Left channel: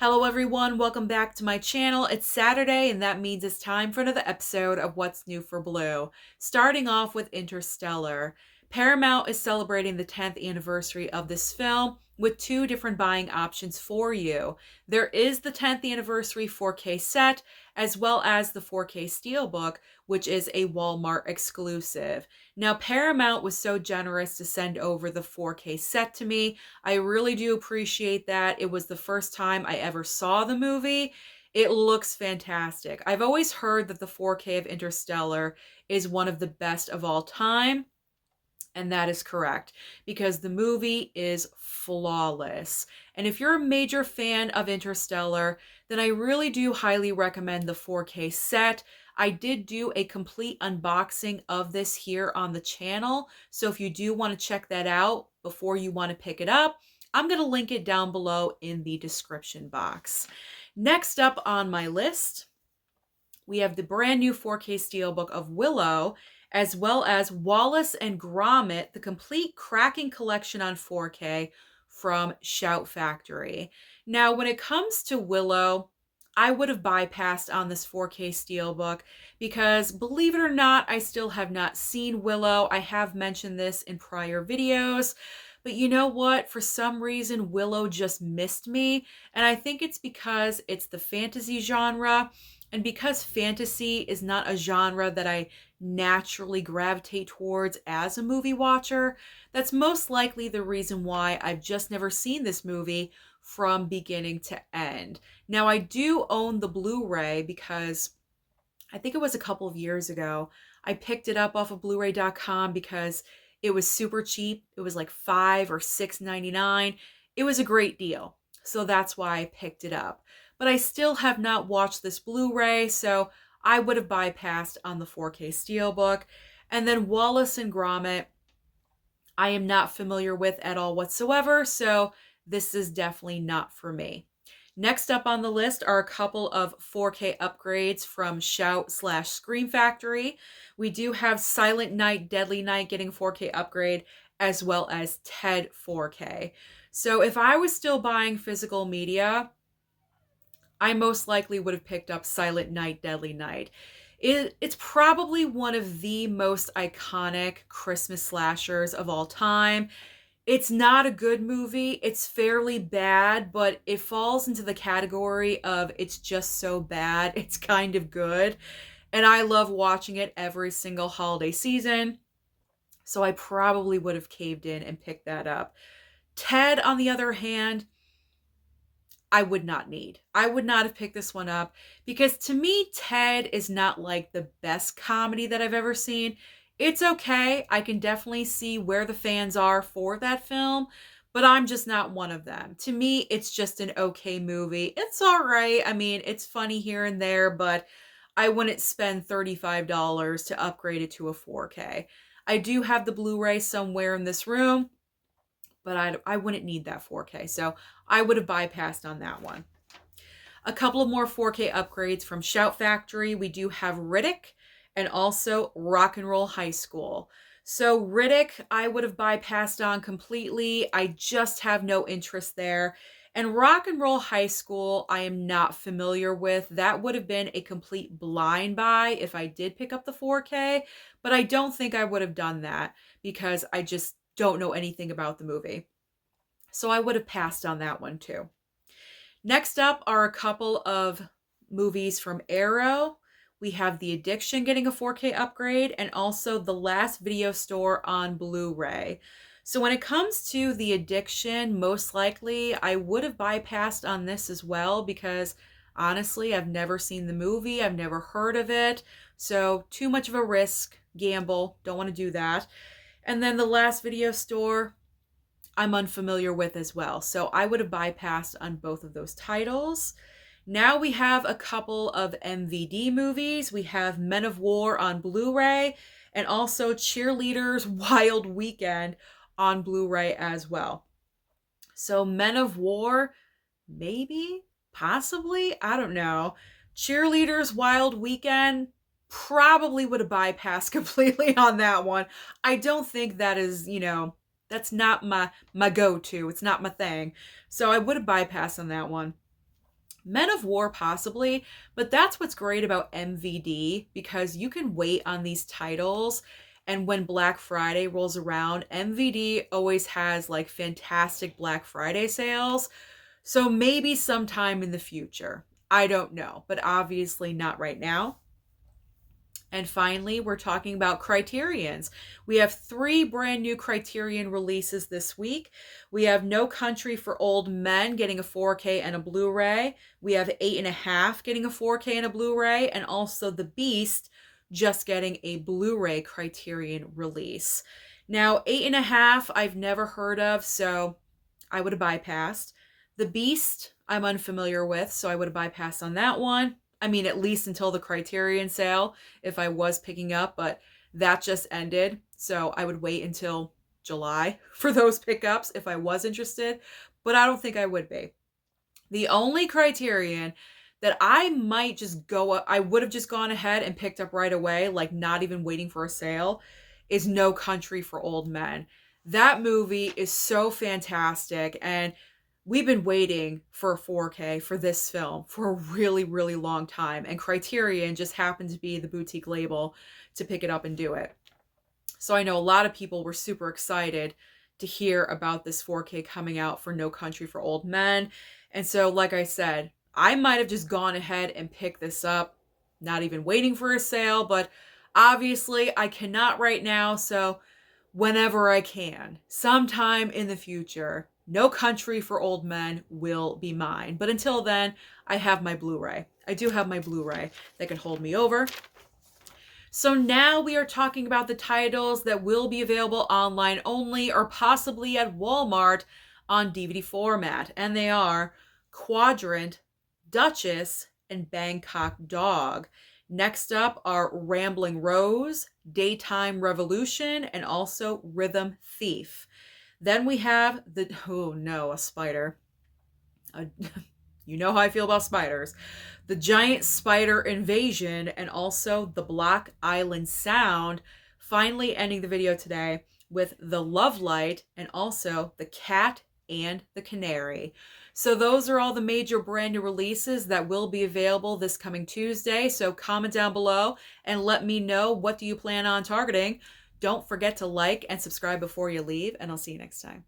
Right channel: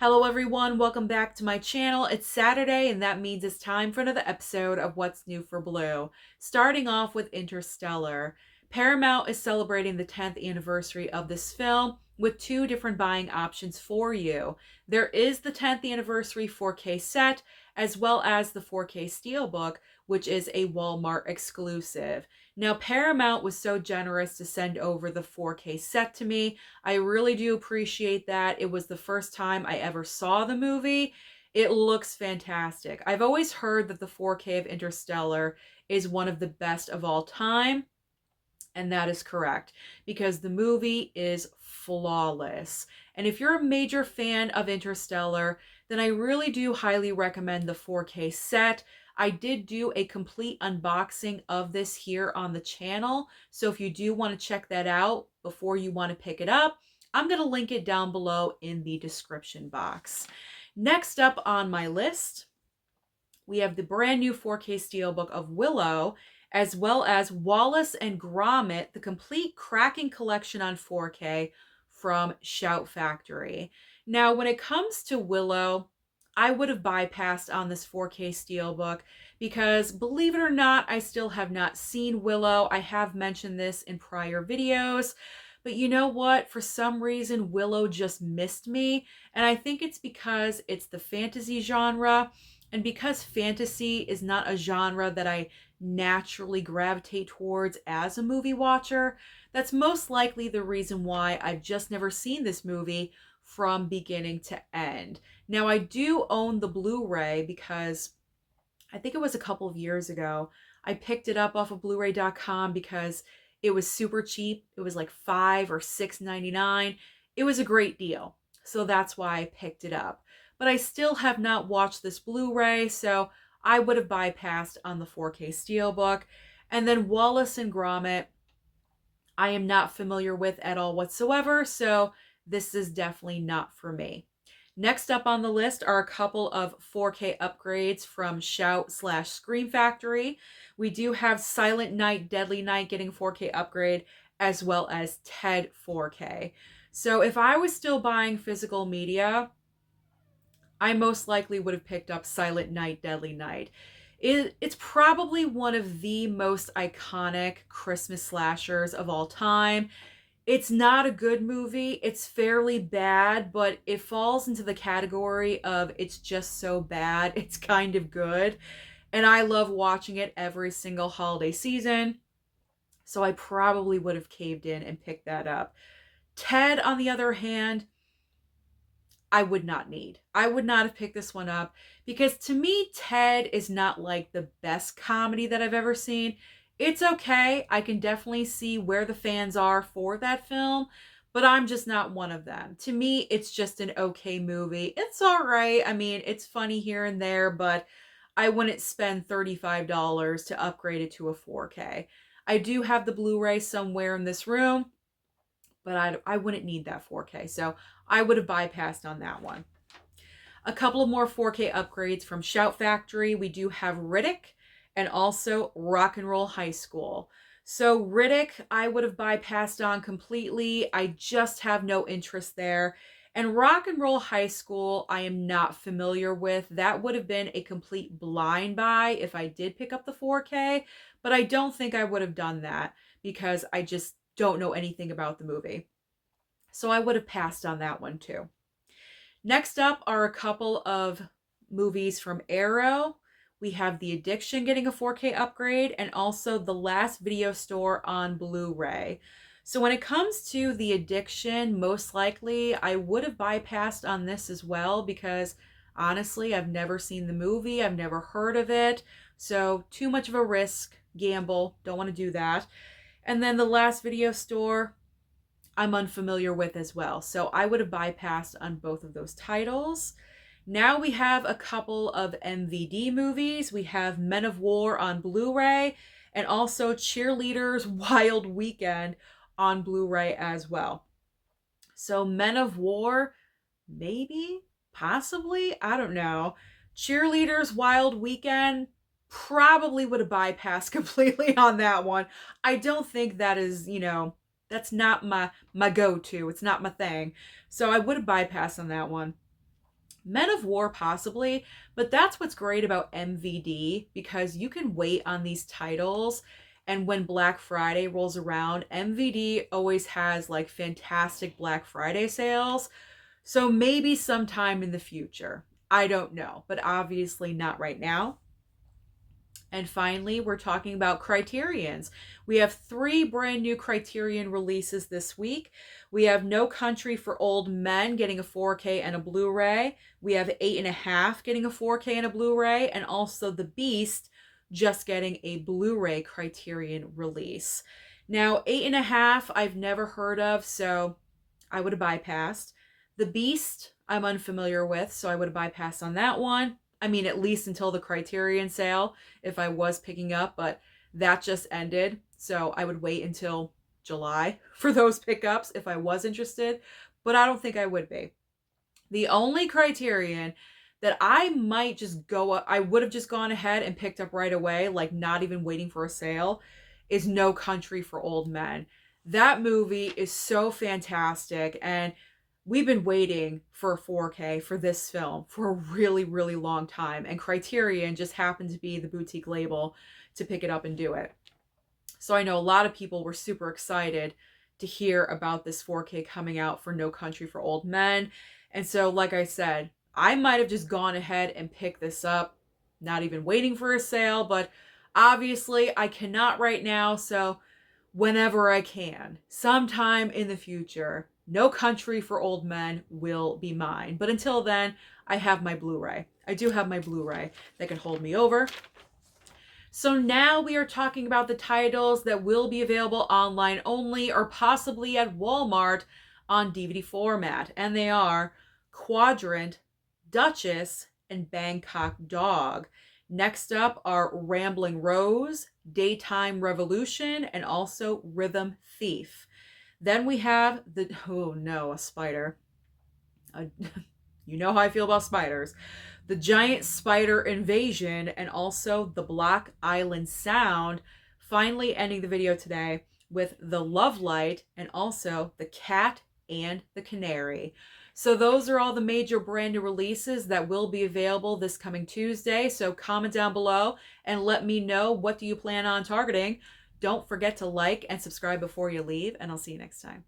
Hello everyone, welcome back to my channel. It's Saturday and that means it's time for another episode of What's New for Blue. Starting off with Interstellar. Paramount is celebrating the 10th anniversary of this film with two different buying options for you. There is the 10th anniversary 4K set as well as the 4K Steelbook, which is a Walmart exclusive. Now Paramount was so generous to send over the 4K set to me. I really do appreciate that. It was the first time I ever saw the movie. It looks fantastic. I've always heard that the 4K of Interstellar is one of the best of all time, and that is correct because the movie is flawless. And if you're a major fan of Interstellar, then I really do highly recommend the 4K set. I did do a complete unboxing of this here on the channel. So if you do want to check that out before you want to pick it up, I'm going to link it down below in the description box. Next up on my list, we have the brand new 4K Steelbook of Willow, as well as Wallace and Gromit, the complete cracking collection on 4K from Shout Factory. Now, when it comes to Willow, I would have bypassed on this 4K Steelbook because, believe it or not, I still have not seen Willow. I have mentioned this in prior videos, but you know what? For some reason, Willow just missed me, and I think it's because it's the fantasy genre, and because fantasy is not a genre that I naturally gravitate towards as a movie watcher, that's most likely the reason why I've just never seen this movie from beginning to end. Now, I do own the Blu-ray because I think it was a couple of years ago. I picked it up off of blu-ray.com because it was super cheap. It was like $5 or $6.99. It was a great deal. So that's why I picked it up. But I still have not watched this Blu-ray, so I would have bypassed on the 4K Steelbook. And then Wallace and Gromit, I am not familiar with at all whatsoever, so this is definitely not for me. Next up on the list are a couple of 4K upgrades from Shout/Scream Factory. We do have Silent Night, Deadly Night getting 4K upgrade, as well as Ted 4K. So if I was still buying physical media, I most likely would have picked up Silent Night, Deadly Night. It's probably one of the most iconic Christmas slashers of all time. It's not a good movie. It's fairly bad, but it falls into the category of it's just so bad, it's kind of good. And I love watching it every single holiday season. So I probably would have caved in and picked that up. Ted, on the other hand, I would not need. I would not have picked this one up because to me, Ted is not like the best comedy that I've ever seen. It's okay. I can definitely see where the fans are for that film, but I'm just not one of them. To me, it's just an okay movie. It's all right. I mean, it's funny here and there, but I wouldn't spend $35 to upgrade it to a 4K. I do have the Blu-ray somewhere in this room, but I wouldn't need that 4K. So I would have bypassed on that one. A couple of more 4K upgrades from Shout Factory. We do have Riddick and also Rock and Roll High School. So Riddick, I would have bypassed on completely. I just have no interest there. And Rock and Roll High School, I am not familiar with. That would have been a complete blind buy if I did pick up the 4K, but I don't think I would have done that because I just don't know anything about the movie. So I would have passed on that one too. Next up are a couple of movies from Arrow. We have The Addiction getting a 4K upgrade and also The Last Video Store on Blu-ray. So when it comes to The Addiction, most likely I would have bypassed on this as well because honestly, I've never seen the movie. I've never heard of it. So too much of a risk, gamble. Don't want to do that. And then The Last Video Store, I'm unfamiliar with as well. So I would have bypassed on both of those titles. Now we have a couple of MVD movies. We have Men of War on Blu-ray and also Cheerleaders Wild Weekend on Blu-ray as well. So Men of War, maybe, possibly, I don't know. Cheerleaders Wild Weekend, probably would have bypassed completely on that one. I don't think that is, that's not my go-to. It's not my thing. So I would have bypassed on that one. Men of War possibly, but that's what's great about MVD, because you can wait on these titles, and when Black Friday rolls around, MVD always has like fantastic Black Friday sales. So maybe sometime in the future. I don't know, but obviously not right now. And finally, we're talking about Criterions. We have 3 brand new Criterion releases this week. We have No Country for Old Men getting a 4K and a Blu-ray. We have 8.5 getting a 4K and a Blu-ray. And also The Beast just getting a Blu-ray Criterion release. Now, 8.5 I've never heard of, so I would have bypassed. The Beast I'm unfamiliar with, so I would have bypassed on that one. I mean, at least until the Criterion sale, if I was picking up, but that just ended. So I would wait until July for those pickups if I was interested, but I don't think I would be. The only Criterion that I might just go up, I would have just gone ahead and picked up right away, like not even waiting for a sale, is No Country for Old Men. That movie is so fantastic, and we've been waiting for a 4K for this film for a really, really long time. And Criterion just happened to be the boutique label to pick it up and do it. So I know a lot of people were super excited to hear about this 4K coming out for No Country for Old Men. And so, like I said, I might have just gone ahead and picked this up, not even waiting for a sale, but obviously I cannot right now. So whenever I can, sometime in the future, No Country for Old Men will be mine. But until then, I have my Blu-ray. I do have my Blu-ray that can hold me over. So now we are talking about the titles that will be available online only or possibly at Walmart on DVD format. And they are Quadrant, Duchess, and Bangkok Dog. Next up are Ramblin Rose, Daytime Revolution, and also Rhythm Thief. Then we have a spider. You know how I feel about spiders. The Giant Spider Invasion, and also The Block Island Sound. Finally ending the video today with The Love Light and also The Cat and the Canary. So those are all the major brand new releases that will be available this coming Tuesday. So comment down below and let me know, what do you plan on targeting? Don't forget to like and subscribe before you leave, and I'll see you next time.